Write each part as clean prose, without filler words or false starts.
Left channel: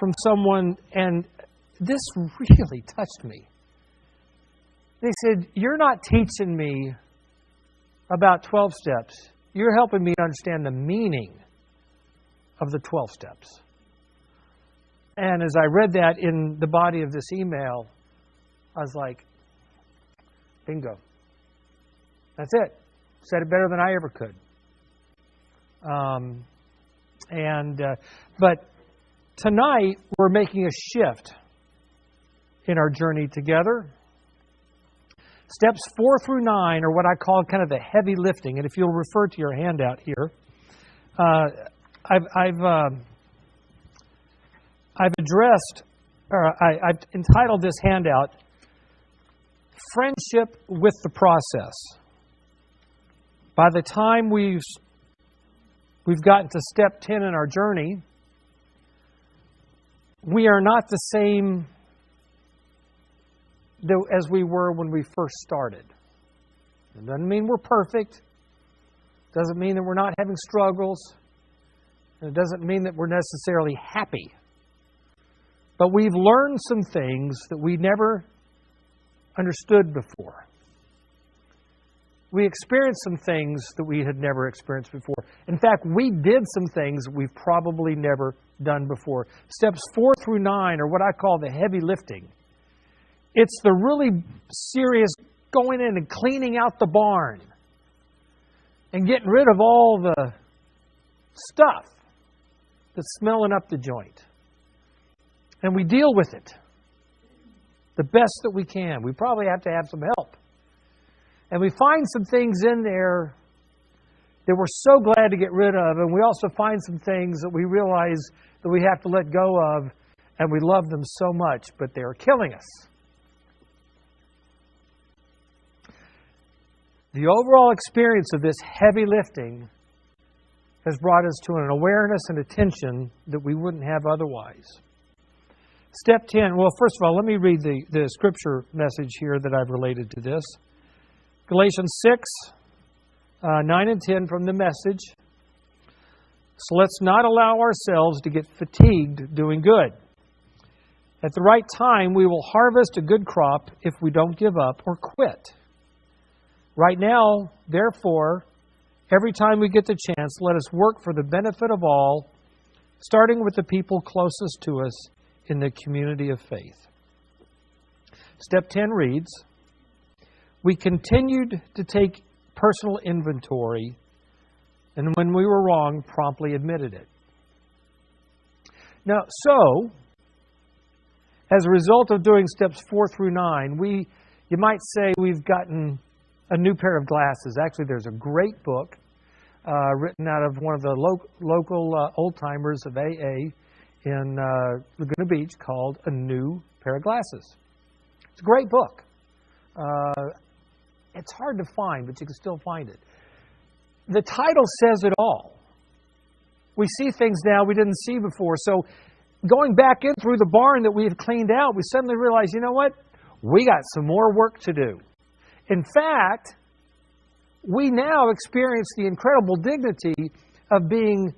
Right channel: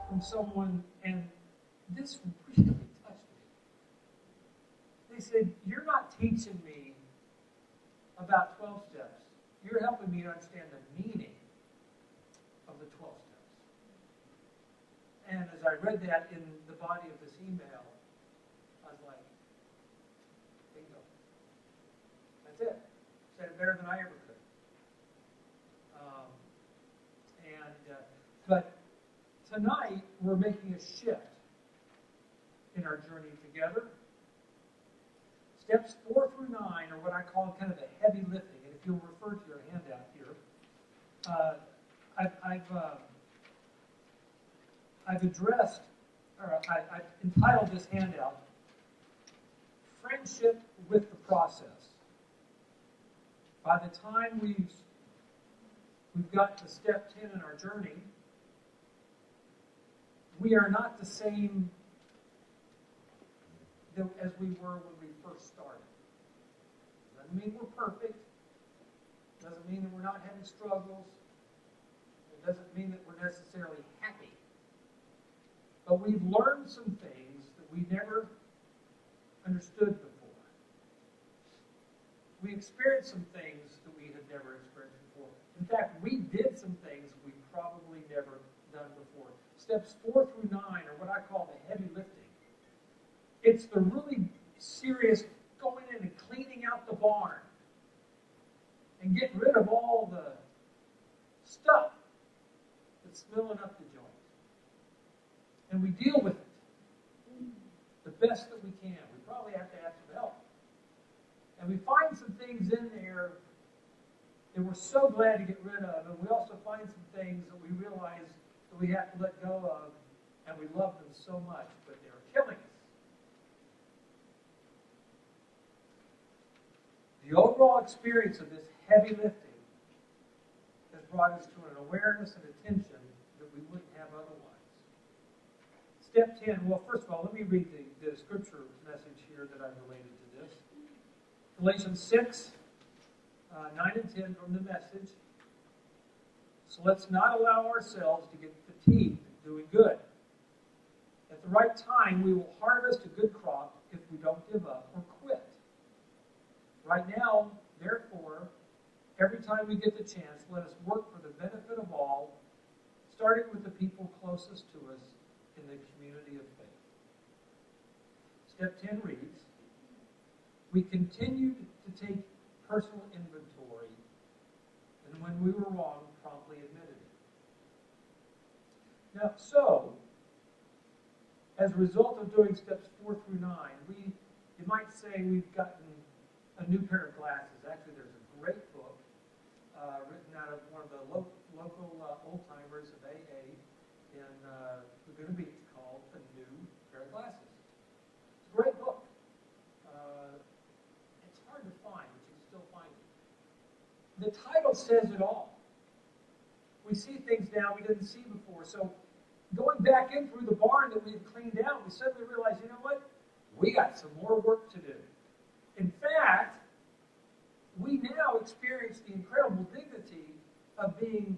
from someone, and this really touched me. They said, "You're not teaching me about 12 steps. You're helping me to understand the meaning of the 12 steps." And as I read that in the body of this email, I was like, bingo. That's it. Said it better than I ever could. But tonight, we're making a shift in our journey together. Steps 4 through 9 are what I call kind of the heavy lifting. And if you'll refer to your handout here, I've entitled this handout, Friendship with the Process. By the time we've gotten to step 10 in our journey, we are not the same as we were when we first started. It doesn't mean we're perfect. It doesn't mean that we're not having struggles. It doesn't mean that we're necessarily happy. But we've learned some things that we never understood before. We experienced some things that we had never experienced before. In fact, we did some things we've probably never done before. Steps 4 through 9 are what I call the heavy lifting. It's the really serious going in and cleaning out the barn and getting rid of all the stuff that's smelling up the joint. And we deal with it the best that we can. We probably have to have some help. And we find some things in there that we're so glad to get rid of. And we also find some things that we realize that we have to let go of. And we love them so much, but they're killing us. The overall experience of this heavy lifting has brought us to an awareness and attention that we wouldn't have otherwise. Step 10. Well, first of all, let me read the scripture message here that I've related to this. Galatians 6, 9 and 10 from the Message. So let's not allow ourselves to get fatigued doing good. At the right time, we will harvest a good crop if we don't give up or quit. Right now, therefore, every time we get the chance, let us work for the benefit of all, starting with the people closest to us in the community of faith. Step 10 reads, we continued to take personal inventory, and when we were wrong, promptly admitted it. Now, so, as a result of doing steps 4 through 9, you might say we've gotten a new pair of glasses. Actually, there's a great book written out of one of the local old-timers of AA in Laguna Beach called A New Pair of Glasses. It's a great book. It's hard to find, but you can still find it. The title says it all. We see things now we didn't see before. So going back in through the barn that we had cleaned out, we suddenly realized, you know what? We got some more work to do. In fact, we now experience the incredible dignity of being,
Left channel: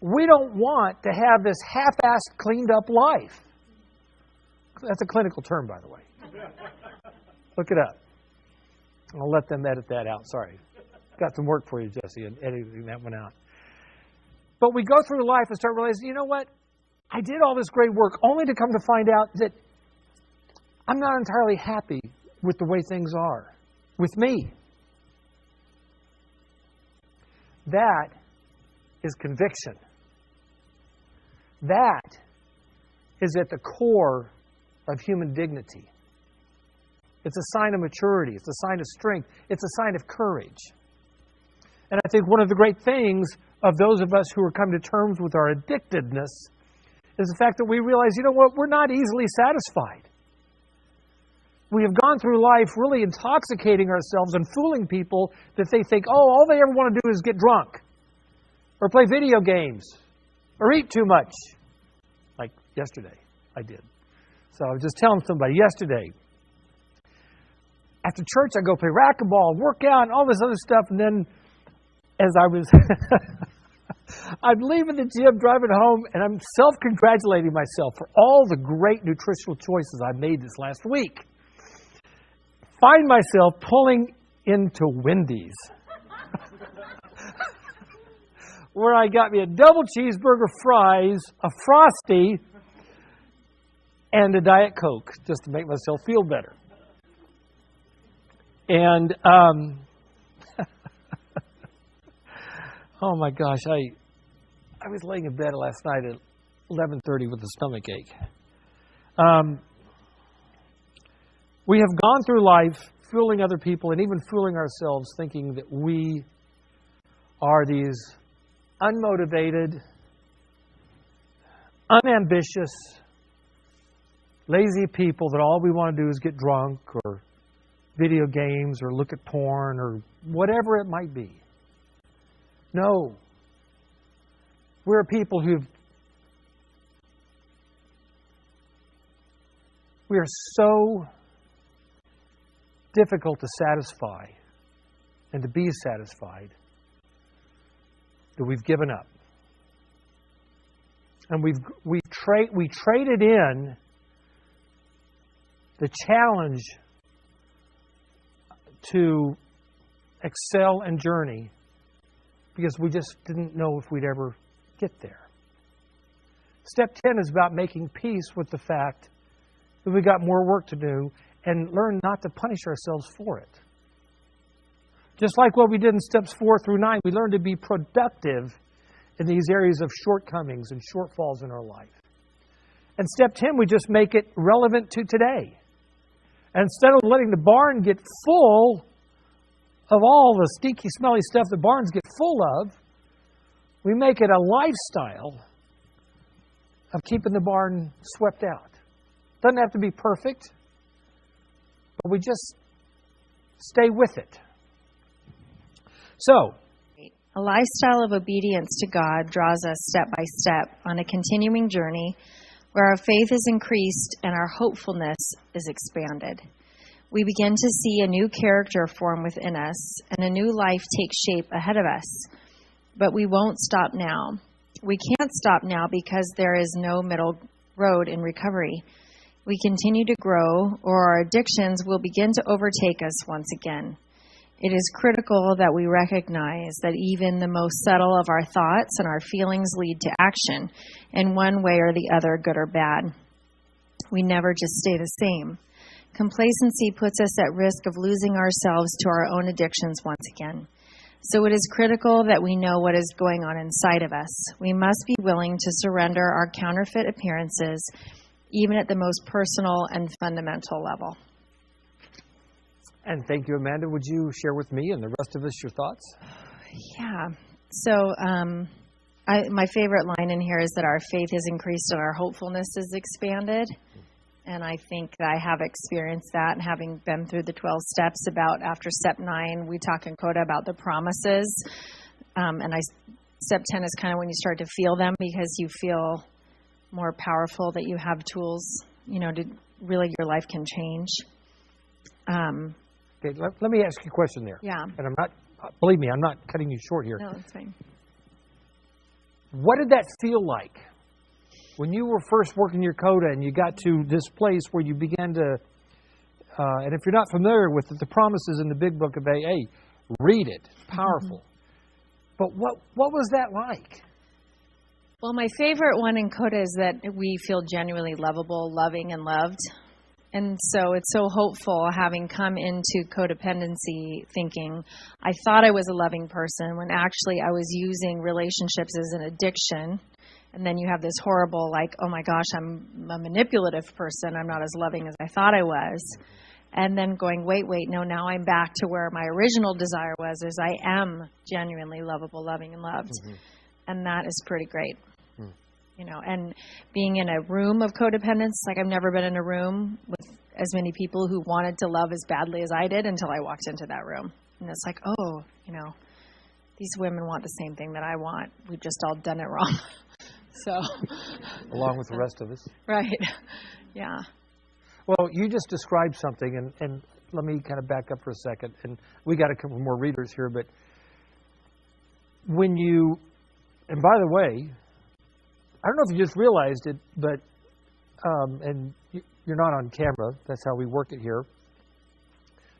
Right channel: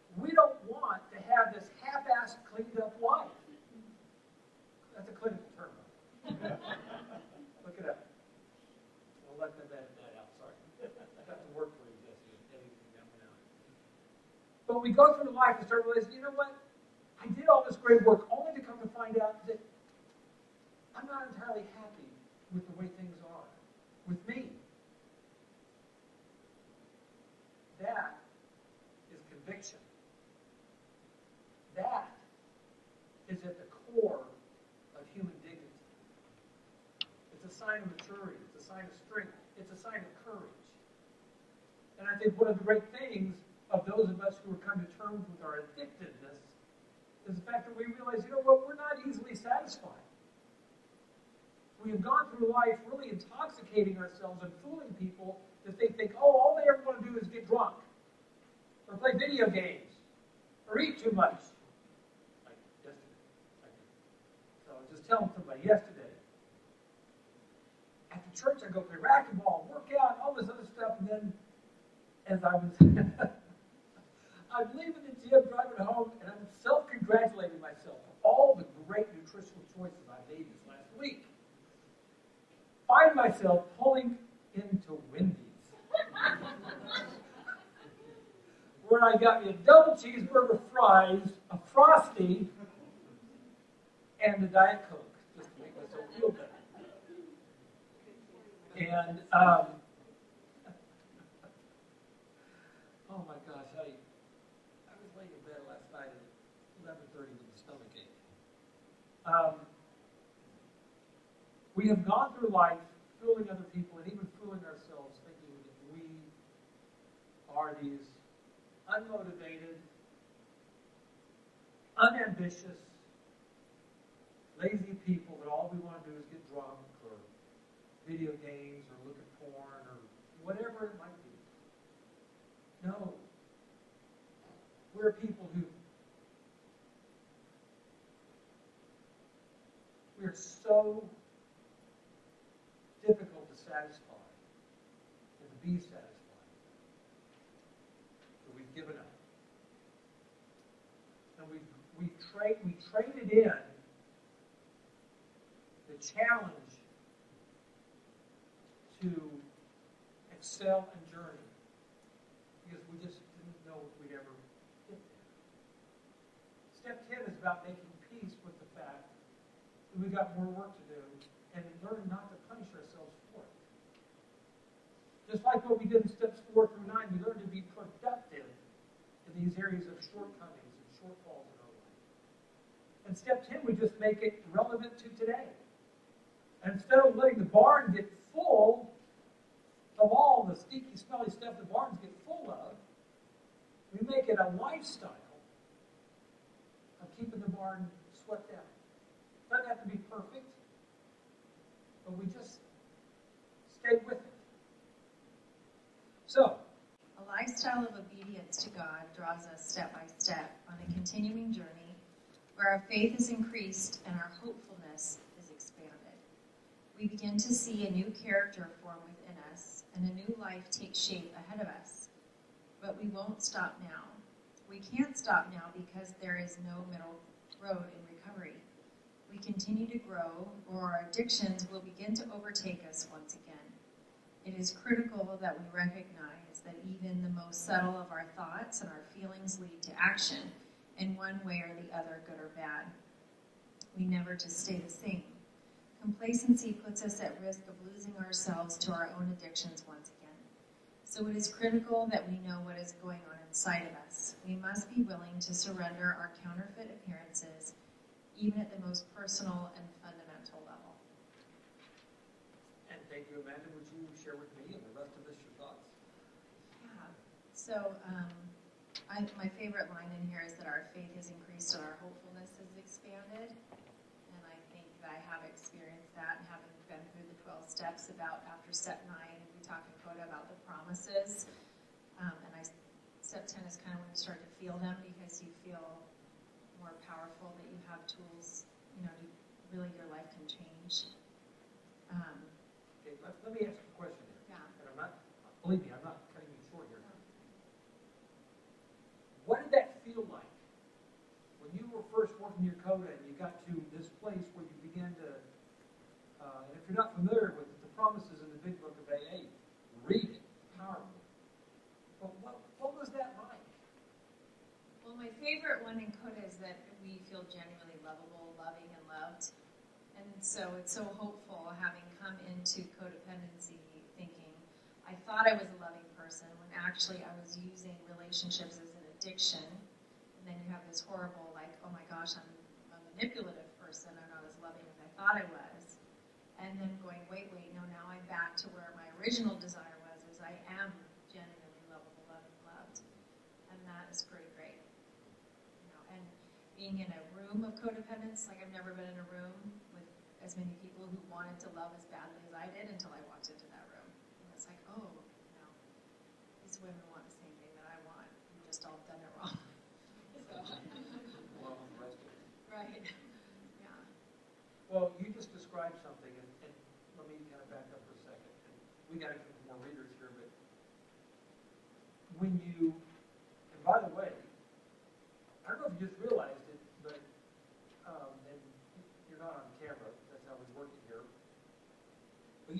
we don't want to have this half-assed, cleaned up life. That's a clinical term, by the way. Look it up. I'll let them edit that out. Sorry. Got some work for you, Jesse, in editing that one out. But we go through life and start realizing, you know what? I did all this great work only to come to find out that I'm not entirely happy with the way things are with me. That is conviction. That is at the core of human dignity. It's a sign of maturity. It's a sign of strength. It's a sign of courage. And I think one of the great things of those of us who are come to terms with our addictedness is the fact that we realize, you know what, we're not easily satisfied. We have gone through life really intoxicating ourselves and fooling people that they think, oh, all they ever want to do is get drunk or play video games or eat too much. Like yesterday, I did. So I was just telling somebody yesterday, after church, I go play racquetball, work out, all this other stuff. And then as I was I'm leaving the gym, driving home, and I'm self-congratulating myself for all the great nutritional choices I made this last week. Find myself pulling into Wendy's, where I got me a double cheeseburger, fries, a Frosty, and a Diet Coke, just to make myself feel better. And, oh my gosh, I was laying in bed last night at 11:30 with a stomach ache. We have gone through life fooling other people and even fooling ourselves, thinking that we are these unmotivated, unambitious, lazy people that all we want to do is get drunk or video games or look at porn or whatever it might be. No. We're people we are so difficult to satisfy and to be satisfied that we've given up. And we traded in the challenge to excel and journey because we just didn't know if we'd ever get there. Step 10 is about making peace with the fact that we got more work to do and learn not to punish ourselves for it. Just like what we did in steps 4 through 9, we learned to be productive in these areas of shortcomings and shortfalls in our life. And step 10, we just make it relevant to today. And instead of letting the barn get full of all the stinky, smelly stuff the barns get full of, we make it a lifestyle of keeping the barn swept out. Doesn't have to be perfect, but we just stay with it. So, a lifestyle of obedience to God draws us step by step on a continuing journey where our faith is increased and our hopefulness is expanded. We begin to see a new character form within us and a new life take shape ahead of us. But we won't stop now. We can't stop now because there is no middle road in recovery. We continue to grow, or our addictions will begin to overtake us once again. It is critical that we recognize that even the most subtle of our thoughts and our feelings lead to action in one way or the other, good or bad. We never just stay the same. Complacency puts us at risk of losing ourselves to our own addictions once again. So it is critical that we know what is going on inside of us. We must be willing to surrender our counterfeit appearances, even at the most personal and fundamental level. And thank you, Amanda. Would you share with me and the rest of us your thoughts? Yeah. So my favorite line in here is that our faith is increased and our hopefulness is expanded. And I think that I have experienced that, having been through the 12 steps. About after step 9, we talk in Coda about the promises. Step 10 is kind of when you start to feel them because you feel more powerful, that you have tools, to really your life can change. Okay, let me ask you a question there. Yeah. And believe me, I'm not cutting you short here. No, that's fine. What did that feel like when you were first working your Coda and you got to this place where you began to, and if you're not familiar with it, the promises in the big book of AA, read it. It's powerful. But what was that like? Well, my favorite one in Coda is that we feel genuinely lovable, loving, and loved. And so it's so hopeful, having come into codependency thinking I thought I was a loving person when actually I was using relationships as an addiction. And then you have this horrible, oh my gosh, I'm a manipulative person. I'm not as loving as I thought I was. And then going, wait, no, now I'm back to where my original desire was, is I am genuinely lovable, loving, and loved. Mm-hmm. And that is pretty great. And being in a room of codependence, I've never been in a room with as many people who wanted to love as badly as I did until I walked into that room. And it's these women want the same thing that I want. We've just all done it wrong. So, along with the rest of us. Right. Yeah. Well, you just described something, and let me kind of back up for a second. And we got a couple more readers here, but when you And by the way, I don't know if you just realized it, but, and you're not on camera, that's how we work it here,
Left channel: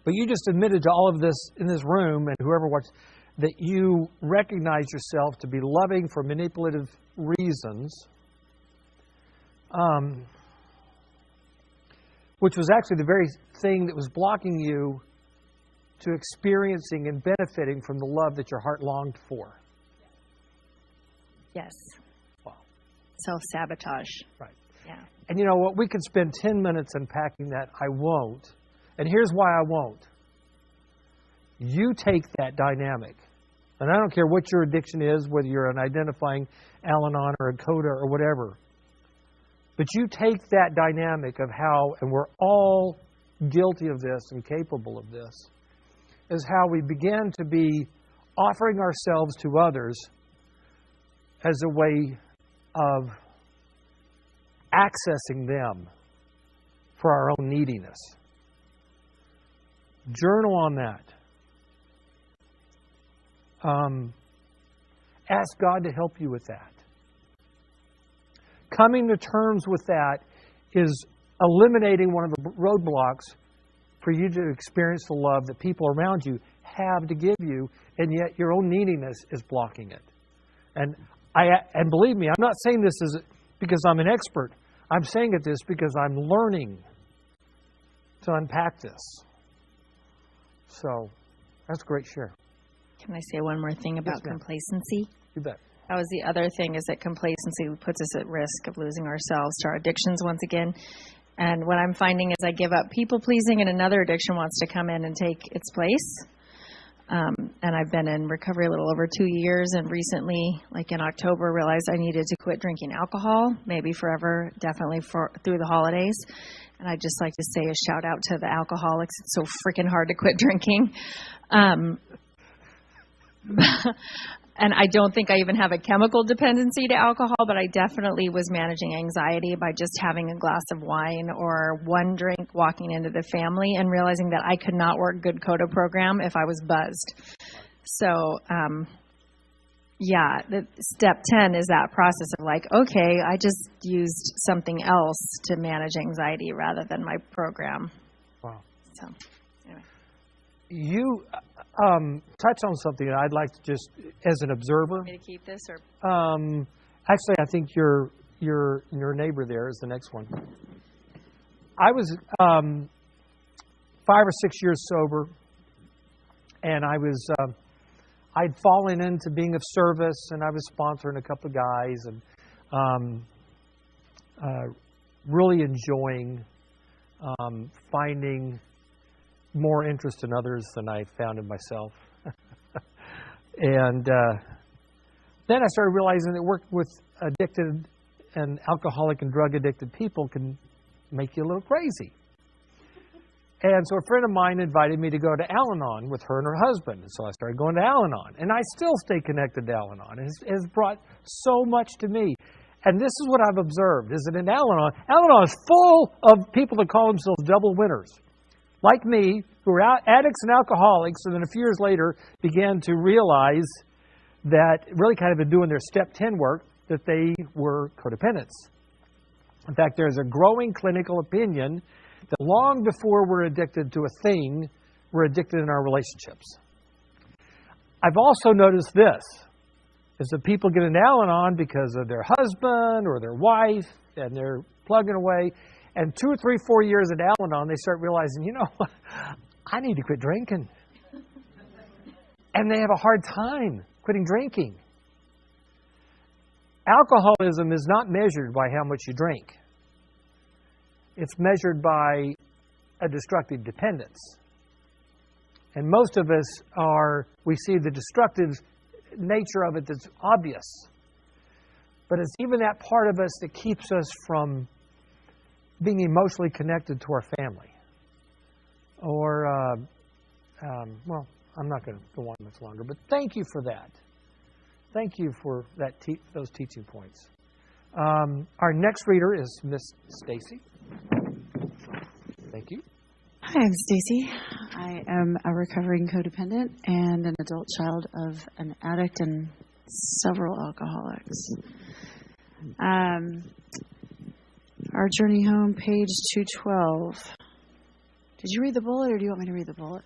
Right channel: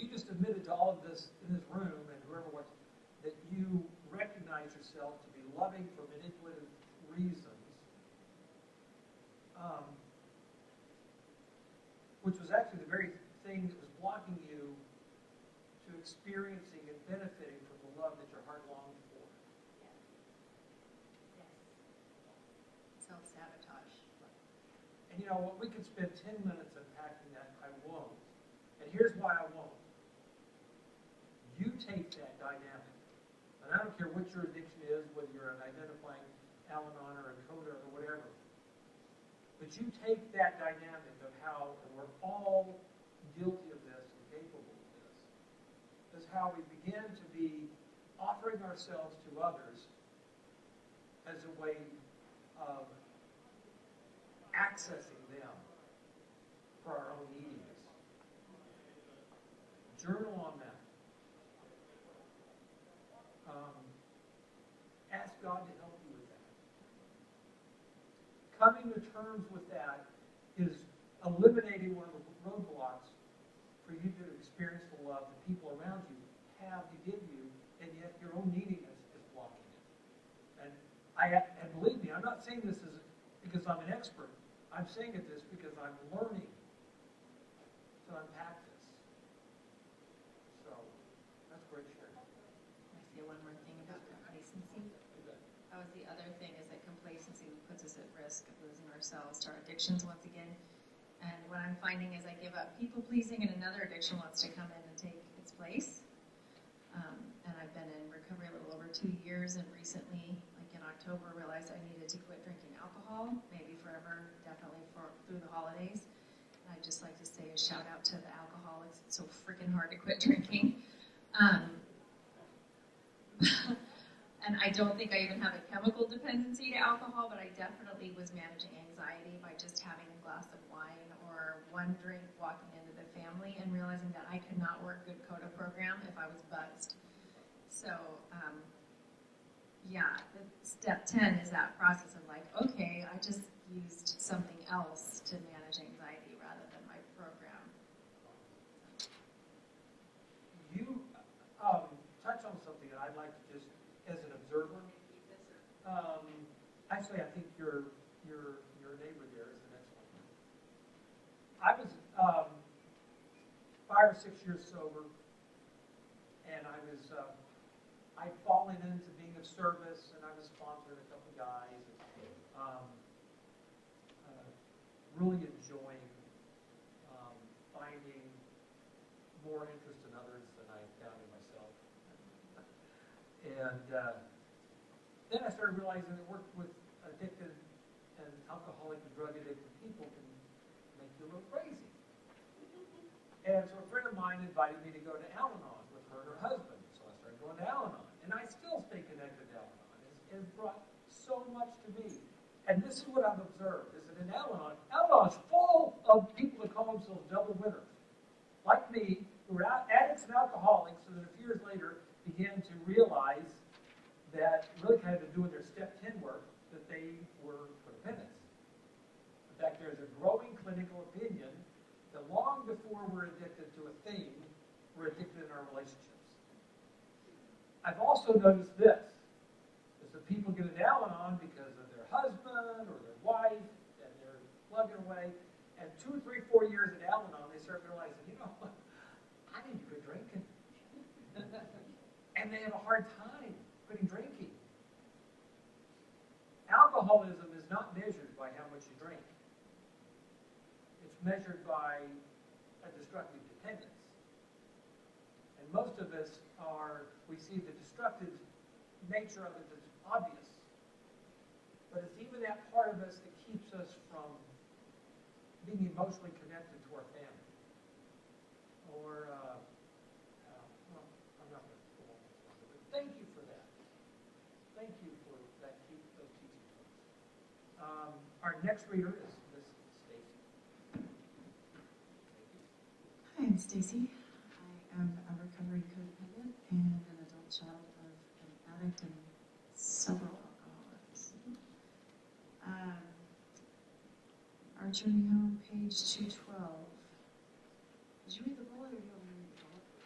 but you just admitted to all of this in this room, and whoever watched, that you recognize yourself to be loving for manipulative reasons, which was actually the very thing that was blocking you to experiencing and benefiting from the love that your heart longed for. Yes. Wow. Self-sabotage. Right. Yeah. And you know what? We could spend 10 minutes unpacking that. I won't. And here's why I won't. You take that dynamic. And I don't care what your addiction is, whether you're an identifying Al-Anon or a CODA or whatever. But you take that dynamic of how, and we're all guilty of this and capable of this, is how we begin to be offering ourselves to others as a way of accessing them for our own neediness. Journal on that. Ask God to help you with that. Coming to terms with that is eliminating one of the roadblocks for you to experience the love that people around you have to give you, and yet your own neediness is blocking it. And believe me, I'm not saying this because I'm an expert. I'm saying this because I'm learning to unpack this. So that's a great share. Can I say one more thing about complacency? You bet. That was the other thing, is that complacency puts us at risk of losing ourselves to our addictions once again. And what I'm finding is I give up people-pleasing and another addiction wants to come in and take its place. And I've been in recovery a little over 2 years, and recently, like in October, realized I needed to quit drinking alcohol, maybe forever, definitely through the holidays. And I'd just like to say a shout out to the alcoholics. It's so freaking hard to quit drinking. And I don't think I even have a chemical dependency to alcohol, but I definitely was managing anxiety by just having a glass of wine or one drink walking into the family and realizing that I could not work good CODA program if I was buzzed. So, step 10 is that process of like, okay, I just used something else to manage anxiety rather than my program. Wow. So, anyway. You touch on something that I'd like to just, as an observer. Want me to keep this or? Actually, I think your neighbor there is the next one. I was 5 or 6 years sober, and I'd fallen into being of service, and I was sponsoring a couple of guys, and really enjoying finding more interest in others than I found in myself. And then I started realizing that working with addicted and alcoholic and drug addicted people can make you a little crazy. And so a friend of mine invited me to go to Al-Anon with her and her husband. And so I started going to Al-Anon. And I still stay connected to Al-Anon. It has brought so much to me. And this is what I've observed, is that in Al-Anon is full of people that call themselves double winners. Like me, who were addicts and alcoholics, and then a few years later began to realize that, really kind of been doing their step 10 work, that they were codependents. In fact, there's a growing clinical opinion that long before we're addicted to a thing, we're addicted in our relationships. I've also noticed this, is that people get an Al-Anon because of their husband or their wife, and they're plugging away. And 2 or 3, 4 years at Al-Anon, they start realizing, I need to quit drinking. And they have a hard time quitting drinking. Alcoholism is not measured by how much you drink. It's measured by a destructive dependence. And most of us we see the destructive nature of it that's obvious. But it's even that part of us that keeps us from being emotionally connected to our family. Or, I'm not going to go on much longer, but thank you for that. Thank you for those teaching points. Our next reader is Miss Stacy. Thank you. Hi, I'm Stacy. I am a recovering codependent and an adult child of an addict and several alcoholics. Our journey home, page 212. Did you read the bullet, or do you want me to read the bullet?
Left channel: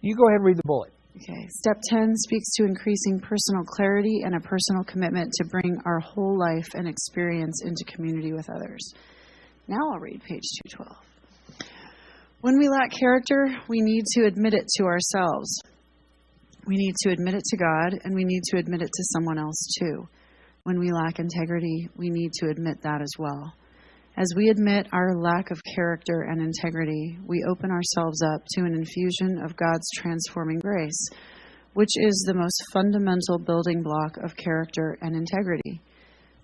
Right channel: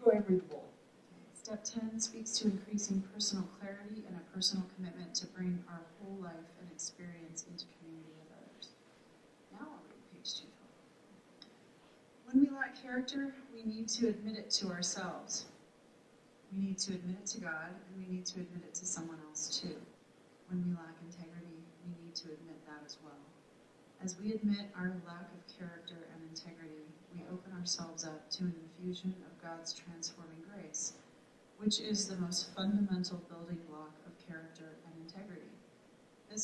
You go ahead and read the bullet. Okay. Step 10 speaks to increasing personal clarity and a personal commitment to bring our whole life and experience into community with others. Now I'll read page 212. When we lack character, we need to admit it to ourselves. We need to admit it to God, and we need to admit it to someone else too. When we lack integrity, we need to admit that as well. As we admit our lack of character and integrity, we open ourselves up to an infusion of God's transforming grace, which is the most fundamental building block of character and integrity.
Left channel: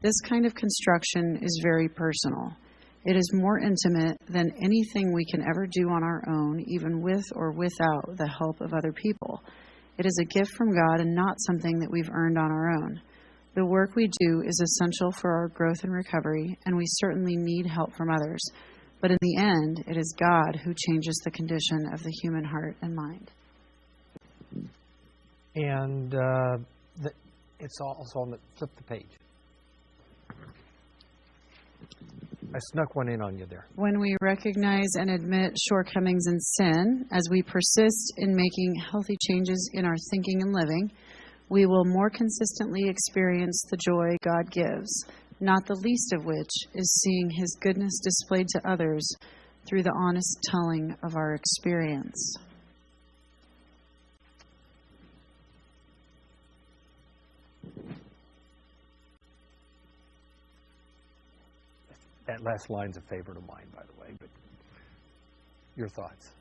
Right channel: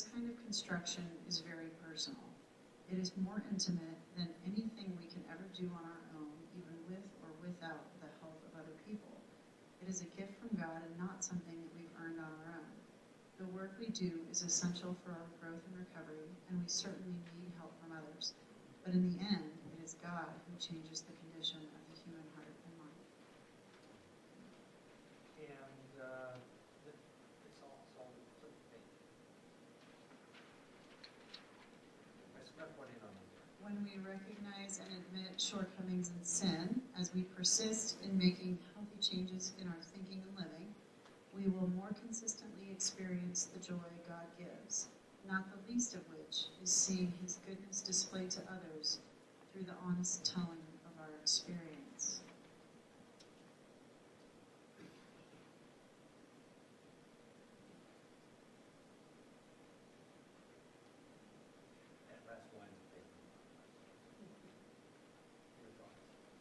This kind of construction is very personal. It is more intimate than anything we can ever do on our own, even with or without the help of other people. It is a gift from God and not something that we've earned on our own. The work we do is essential for our growth and recovery, and we certainly need help from others. But in the end, it is God who changes the condition of the human heart and mind. And it's also on the, flip the page. I snuck one in on you there. When we recognize and admit shortcomings and sin, as we persist in making healthy changes in our thinking and living, we will more consistently experience the joy God gives, not the least of which is seeing His goodness displayed to others through the honest telling of our experience. That last line's a favorite of mine, by the way, but your thoughts?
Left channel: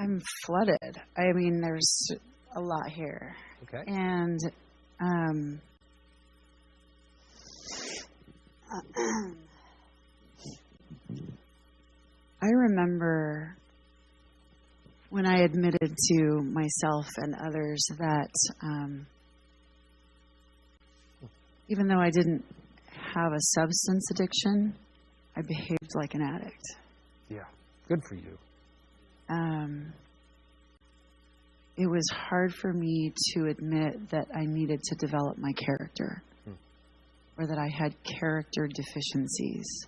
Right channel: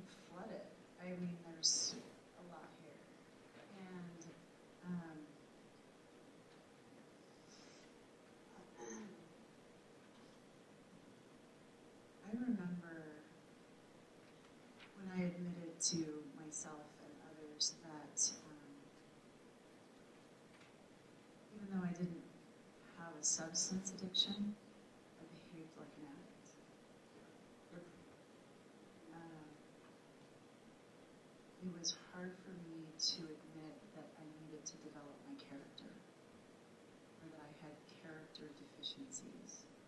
I'm flooded. I mean, there's a lot here. Okay. And I remember when I admitted to myself and others that even though I didn't have a substance addiction, I behaved like an addict. Yeah, good for you. It was hard for me to admit that I needed to develop my character, or that I had character deficiencies.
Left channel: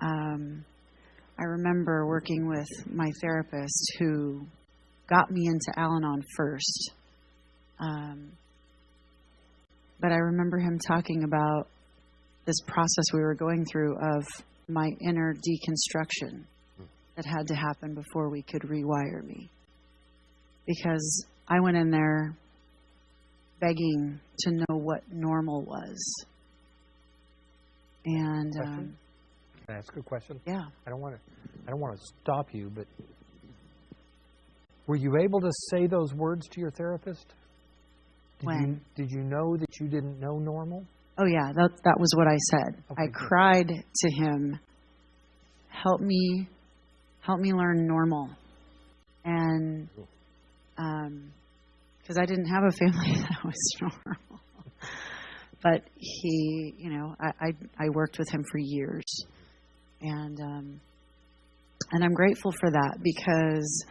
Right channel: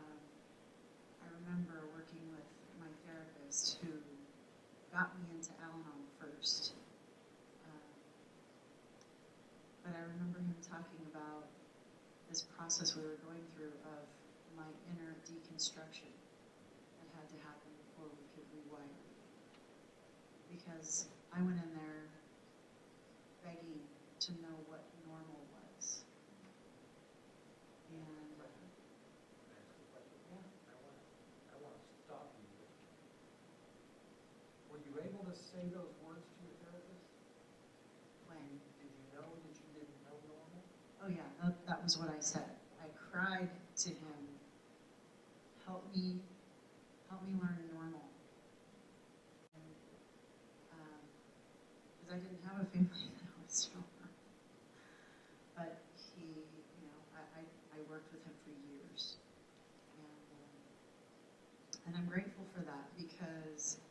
I remember working with my therapist who got me into Al-Anon first. But I remember him talking about this process we were going through of my inner deconstruction that had to happen before we could rewire me. Because I went in there begging to know what normal was. And Can I ask a question? yeah. I don't want to stop you, but were you able to say those words to your therapist? When? Did you know that you didn't know normal? Oh yeah, that was what I said. Okay, I cried to him, help me learn normal. And because I didn't have a family that was normal. But he, I worked with him for years. And I'm grateful for that because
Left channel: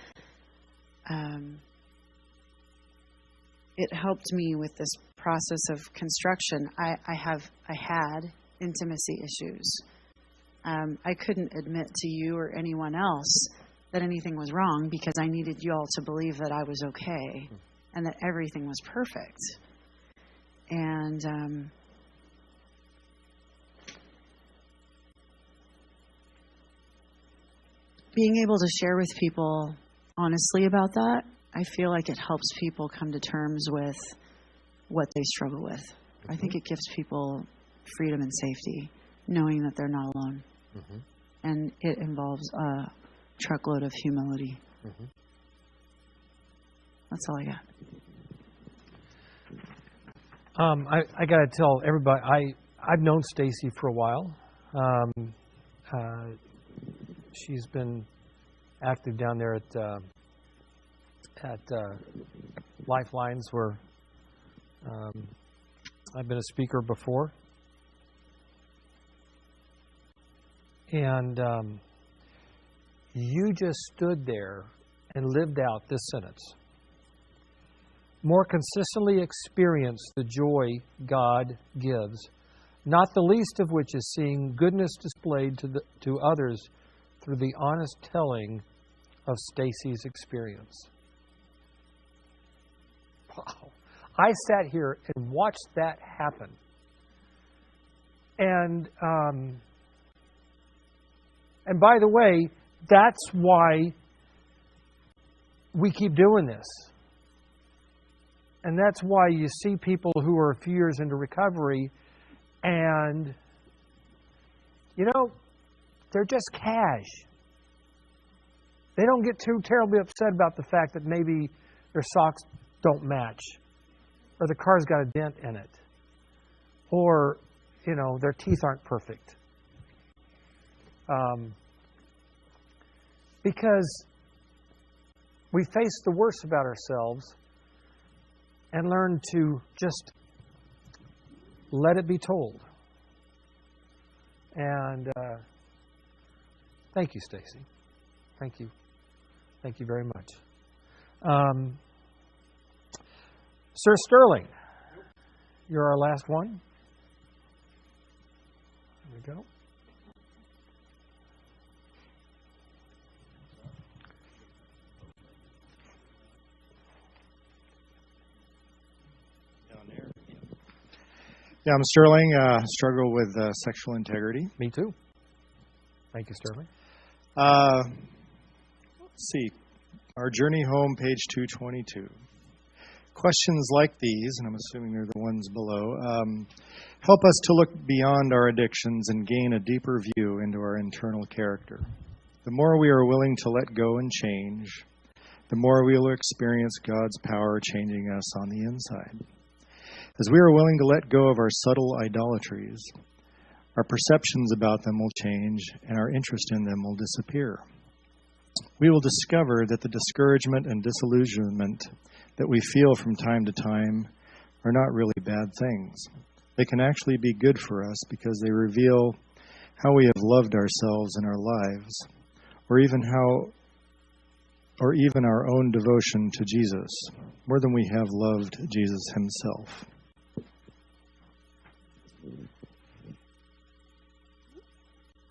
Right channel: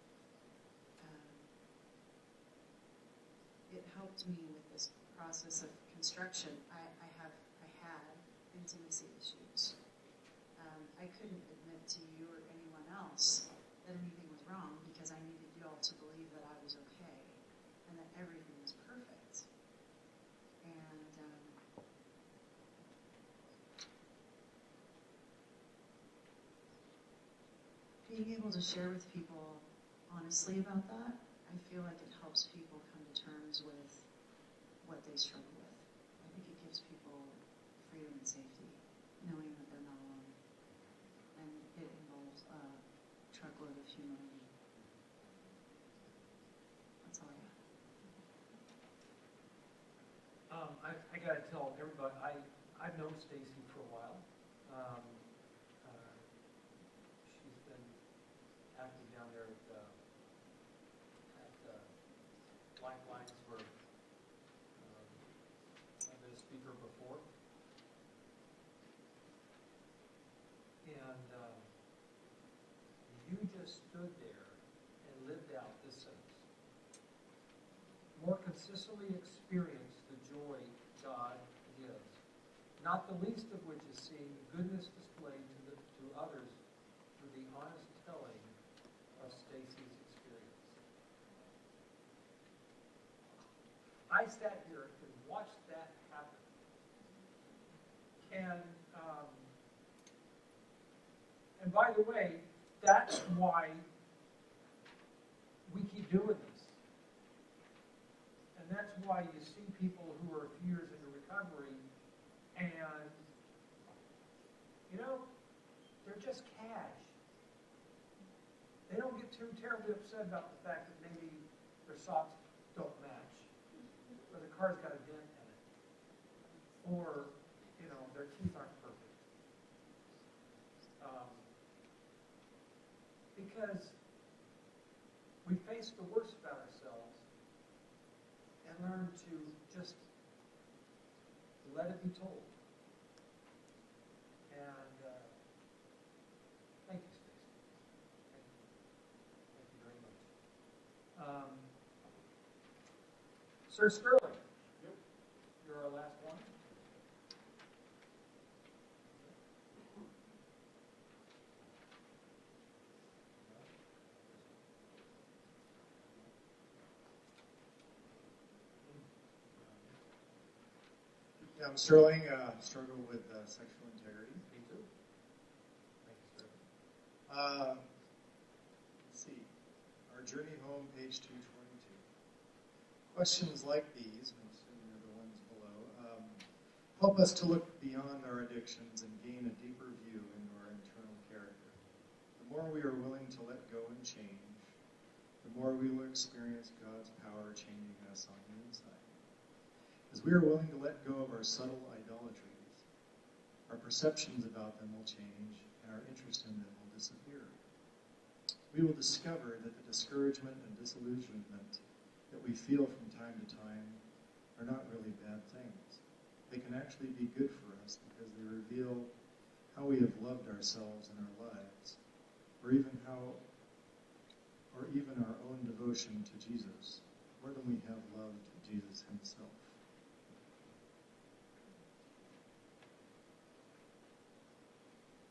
it helped me with this process of construction. I had intimacy issues. I couldn't admit to you or anyone else that anything was wrong because I needed you all to believe that I was okay and that everything was perfect. And being able to share with people honestly about that, I feel like it helps people come to terms with what they struggle with. I think it gives people freedom and safety, knowing that they're not alone. Mm-hmm. And it involves a truckload of humility. Mm-hmm. That's all I got. I got to tell everybody, I've known Stacy for a while. She's been active down there at Lifelines, where I've been a speaker before. And you just stood there and lived out this sentence. more consistently experience the joy God gives, not the least of which is seeing goodness displayed to others through the honest telling of Stacy's experience. Wow. I sat here and watched that happen. And by the way, that's why we keep doing this. And that's why you see people who are a few years into recovery and, you know, they're just cash. They don't get too terribly upset about the fact that maybe their socks don't match or the car's got a dent in it or, you know, their teeth aren't perfect. Because we face the worst about ourselves and learn to just let it be told. And thank you, Stacy. Thank you. Thank you very much. Sir Sterling, you're our last one. There we go. Yeah, I'm Sterling. Struggle with sexual integrity. Me too. Thank you, Sterling. Let's see. Our journey home, page 222. Questions like these, and I'm assuming they're the ones below, help us to look beyond our addictions and gain a deeper view into our internal character. The more we are willing to let go and change, the more we will experience God's power changing us on the inside. As we are willing to let go of our subtle idolatries, our perceptions about them will change and our interest in them will disappear. We will discover that the discouragement and disillusionment that we feel from time to time are not really bad things. They can actually be good for us because they reveal how we have loved ourselves in our lives, or even our own devotion to Jesus, more than we have loved Jesus himself.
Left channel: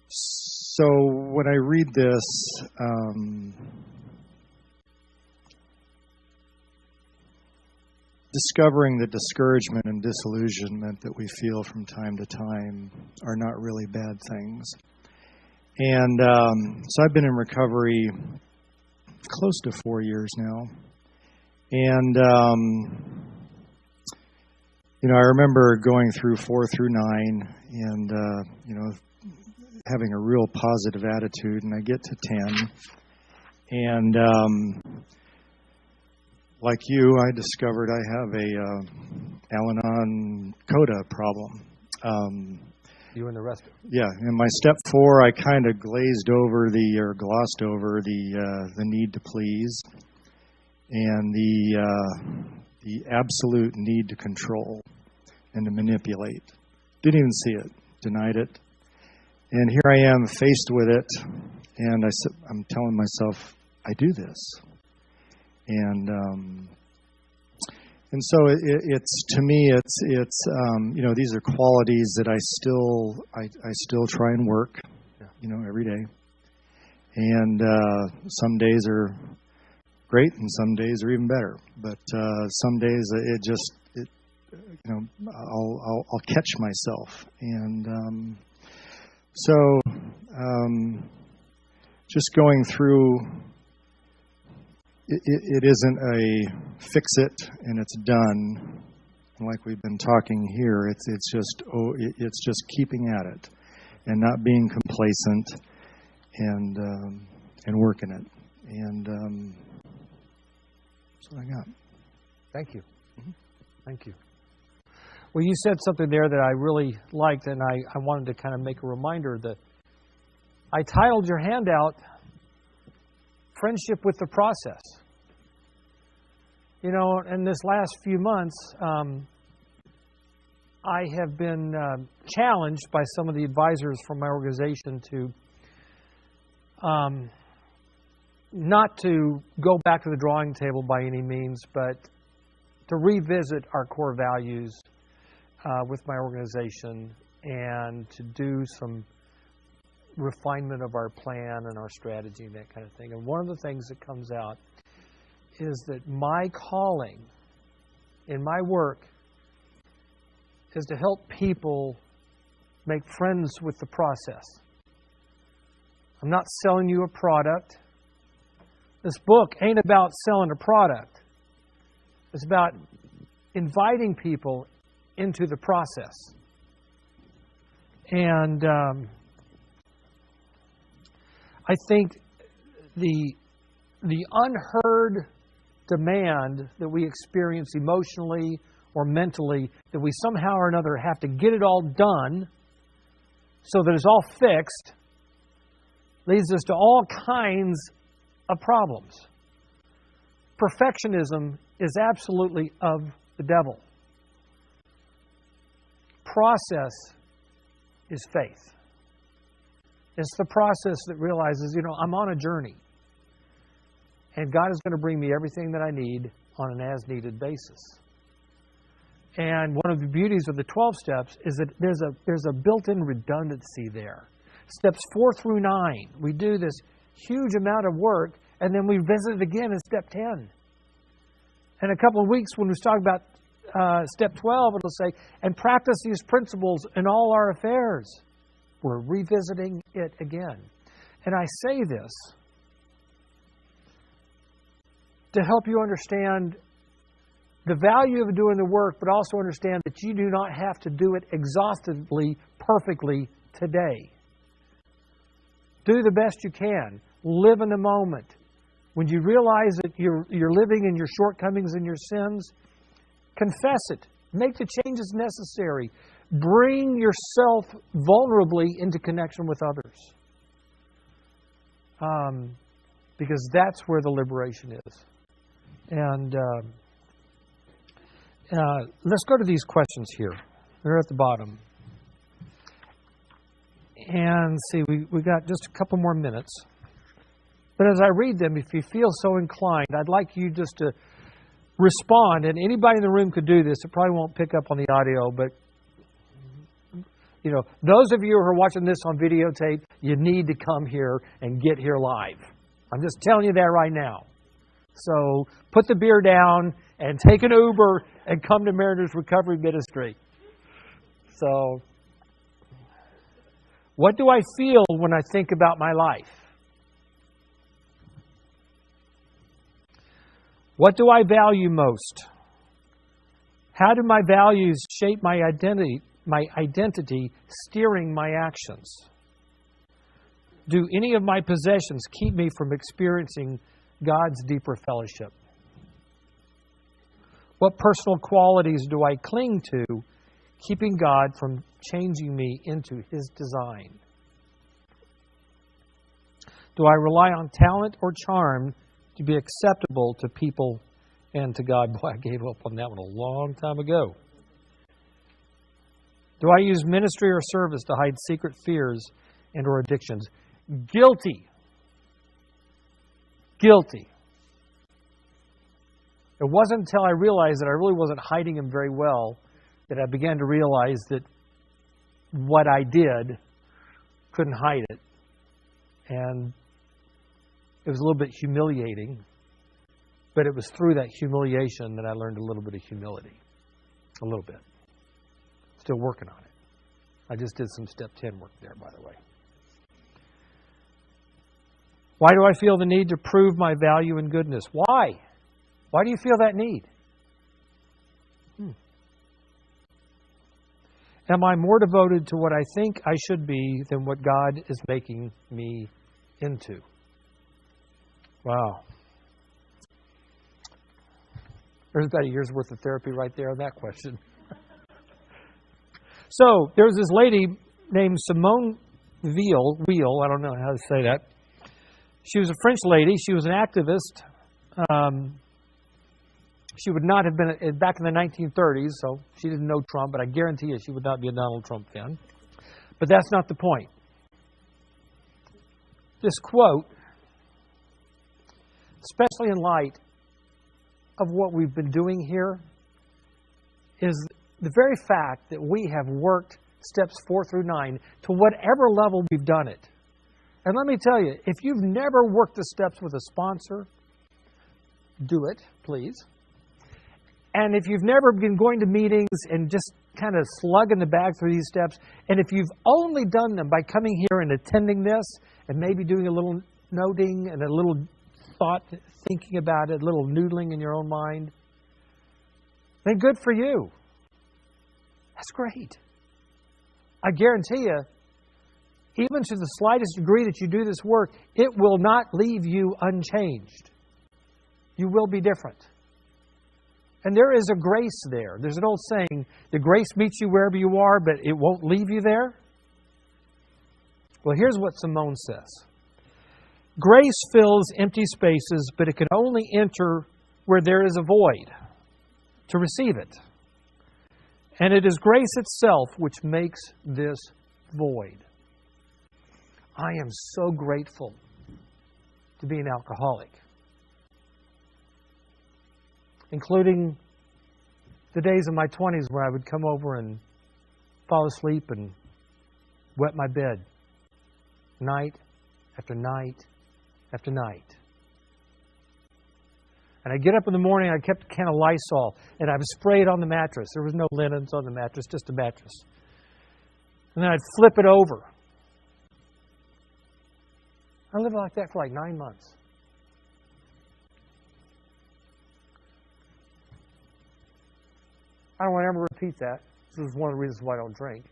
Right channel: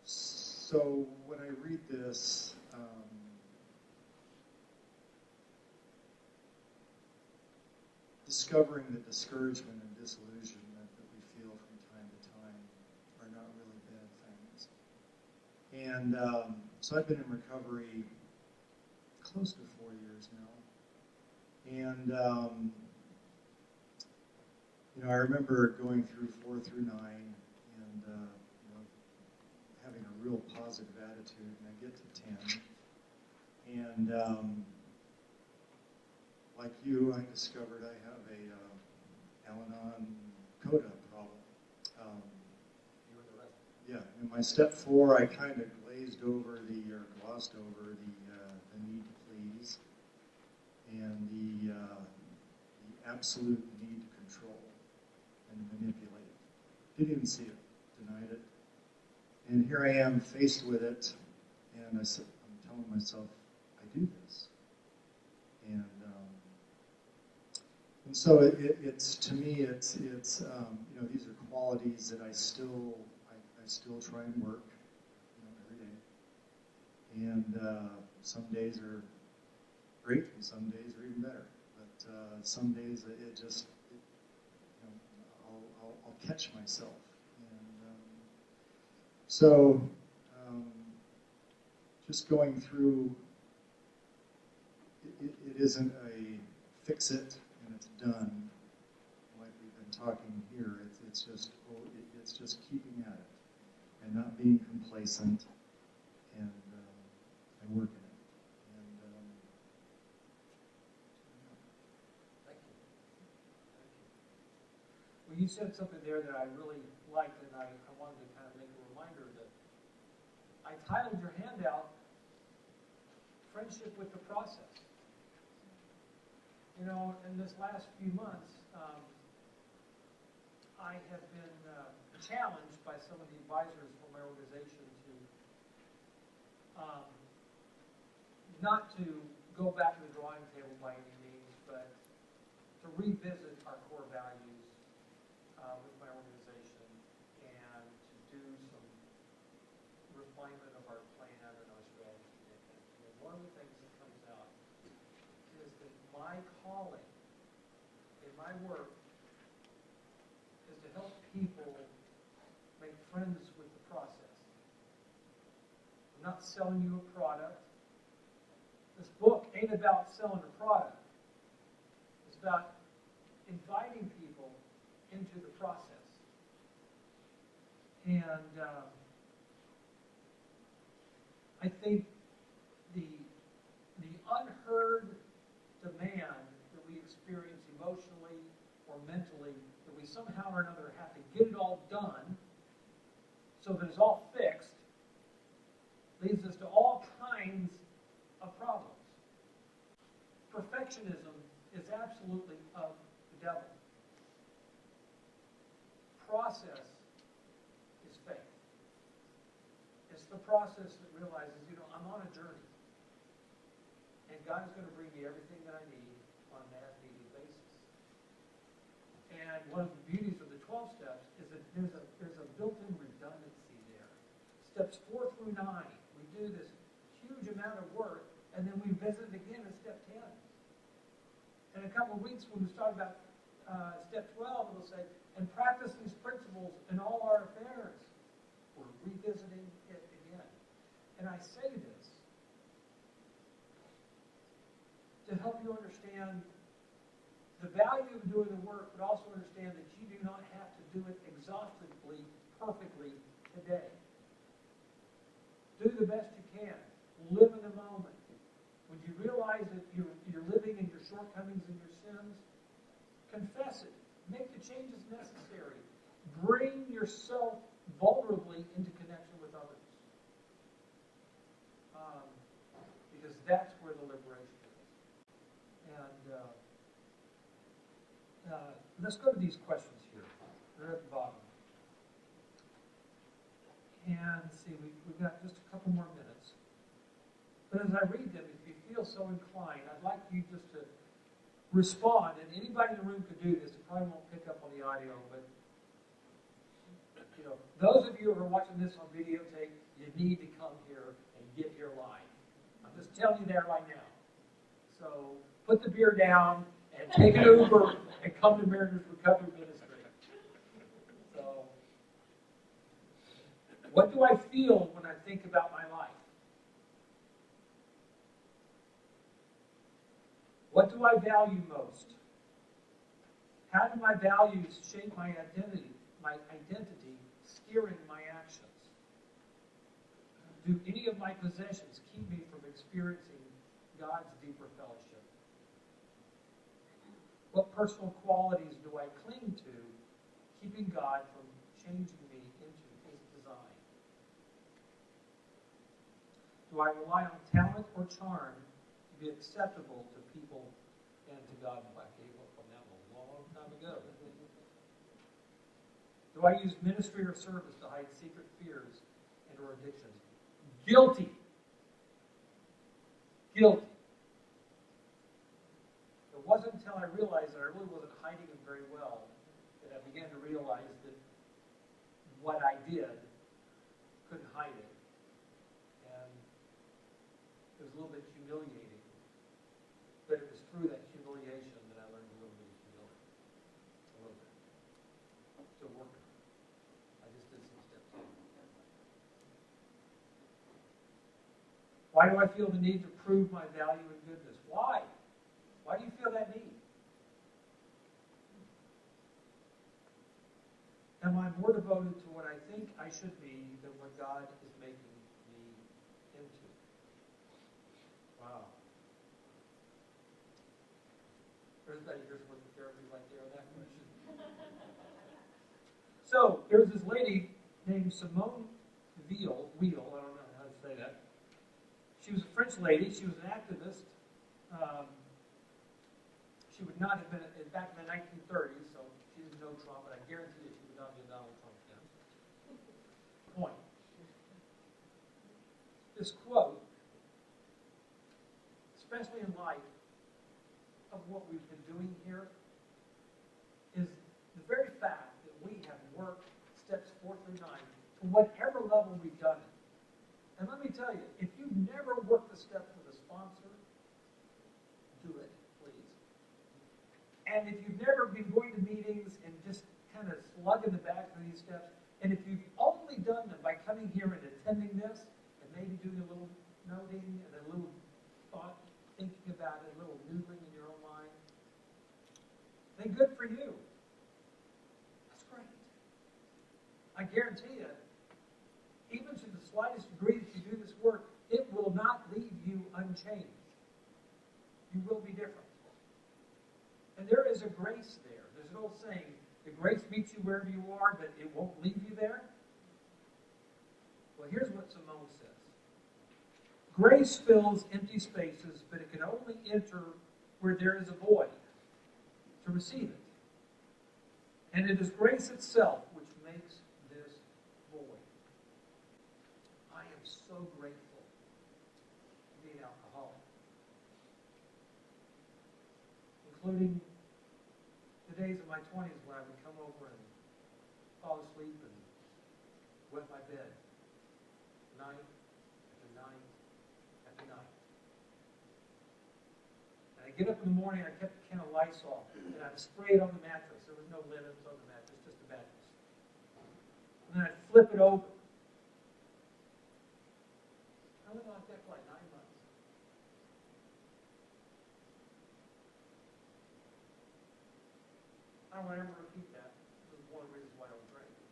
So when I read this, discovering that discouragement and disillusionment that we feel from time to time are not really bad things. And so I've been in recovery close to 4 years now. And, I remember going through 4 through 9 and, having a real positive attitude, and I get to 10. And like you, I discovered I have a Al-Anon coda problem. You and the rest of it. Yeah, in my step 4, I kind of glossed over the need to please and the absolute need to control and to manipulate. Didn't even see it, denied it. And here I am faced with it, and I'm telling myself, I do this. And so it's to me, these are qualities that I still try and work, every day. And some days are great, and some days are even better. But some days I'll catch myself. And so just going through, it isn't a fix it and it's done, like we've been talking here. It's just keeping at it and not being complacent and working it. And that's what I got. Thank you. Thank you. Well, you said something there that I really liked, and I wanted to kind of make a reminder that I titled your handout, Friendship with the Process. In this last few months, I have been challenged by some of the advisors from my organization to not to go back to the drawing table by any means, but to revisit our core values with my organization and to do some refinement of our plan and our strategy and that kind of thing. And one of the things that comes out is that my calling in my work is to help people make friends with the process. I'm not selling you a product. This book ain't about selling a product. It's about inviting people into the process. And I think the unheard demand that we experience emotionally or mentally, that we somehow or another have to get it all done so that it's all fixed, leads us to all kinds of problems. Perfectionism is absolutely of the devil. Process is faith. It's the process that realizes, I'm on a journey. And God is going to bring me everything that I need on an as-needed basis. And one of the beauties of the 12 steps is that there's a built-in redundancy there. Steps 4 through 9, we do this huge amount of work, and then we visit it again in step 10. In a couple of weeks, when we talk about step 12, it'll say, and practice these principles in all our affairs. We're revisiting it again. And I say this to help you understand the value of doing the work, but also understand that you do not have to do it exhaustively, perfectly today. Do the best you can. Live in the moment. When you realize that you're living in your shortcomings and your sins, confess it. Make the changes necessary. Bring yourself vulnerably into connection with others. Because that's where the liberation is. And let's go to these questions here. They're at the bottom. And see, we've got just a couple more minutes. But as I read them, if you feel so inclined, I'd like you just to respond. And anybody in the room could do this. It probably won't pick up on the audio, but those of you who are watching this on videotape, you need to come here and get here live. I'm just telling you that right now. So put the beer down and take an Uber and come to Mariners Recovery Ministry. So, what do I feel when I think about my life? What do I value most? How do my values shape my identity, steering my actions? Do any of my possessions keep me from experiencing God's deeper fellowship? What personal qualities do I cling to, keeping God from changing me into His design? Do I rely on talent or charm to be acceptable to people and to God? Boy, I gave up on that one a long time ago. Do I use ministry or service to hide secret fears and or addictions? Guilty. Guilty. It wasn't until I realized that I really wasn't hiding them very well that I began to realize that what I did couldn't hide it. And it was a little bit humiliating, but it was through that humiliation that I learned a little bit of humility. A little bit. Still working on it. I just did some step 10 work there, by the way. Why do I feel the need to prove my value and goodness? Why? Why do you feel that need? Am I more devoted to what I think I should be than what God is making me into? Wow. There's about a year's worth of therapy right there on that question. So, there's this lady named Simone Weil, I don't know how to say that. She was a French lady. She was an activist. She would not have been back in the 1930s, so she didn't know Trump, but I guarantee you she would not be a Donald Trump fan. But that's not the point. This quote, especially in light of what we've been doing here is the very fact that we have worked steps 4 through 9 to whatever level we've done it. And let me tell you, if you've never worked the steps with a sponsor, do it, please. And if you've never been going to meetings and just kind of slugging the bag through these steps, and if you've only done them by coming here and attending this and maybe doing a little noting and a little thought, thinking about it, a little noodling in your own mind, then good for you. That's great. I guarantee you, even to the slightest degree that you do this work, it will not leave you unchanged. You will be different. And there is a grace there. There's an old saying, the grace meets you wherever you are, but it won't leave you there. Well, here's what Simone says. Grace fills empty spaces, but it can only enter where there is a void to receive it. And it is grace itself which makes this void. I am so grateful to be an alcoholic, including the days of my 20s where I would come over and fall asleep and wet my bed night after night after night. And I'd get up in the morning, I kept a can of Lysol, and I would spray it on the mattress. There was no linens on the mattress, just a mattress. And then I'd flip it over. I lived like that for like 9 months. I don't want to ever repeat that. This is one of the reasons why I don't drink.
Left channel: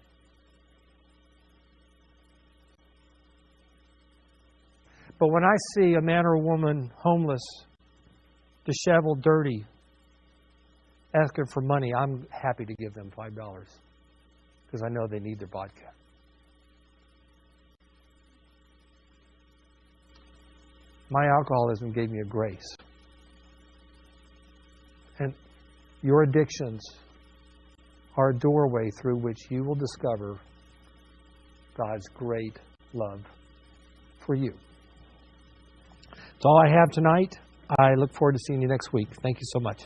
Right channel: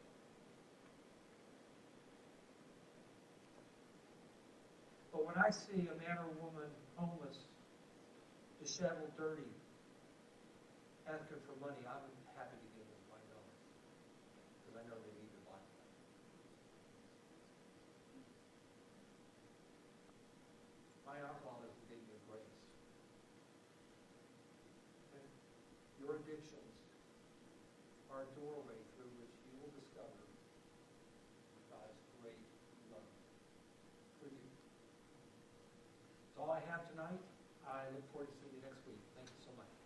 But when I see a man or a woman homeless, disheveled, dirty, asking for money, I'm happy to give them $5 because I know they need their vodka. My alcoholism gave me a grace. And your addictions are a doorway through which you will discover God's great love for you. That's all I have tonight. I look forward to seeing you next week. Thank you so much.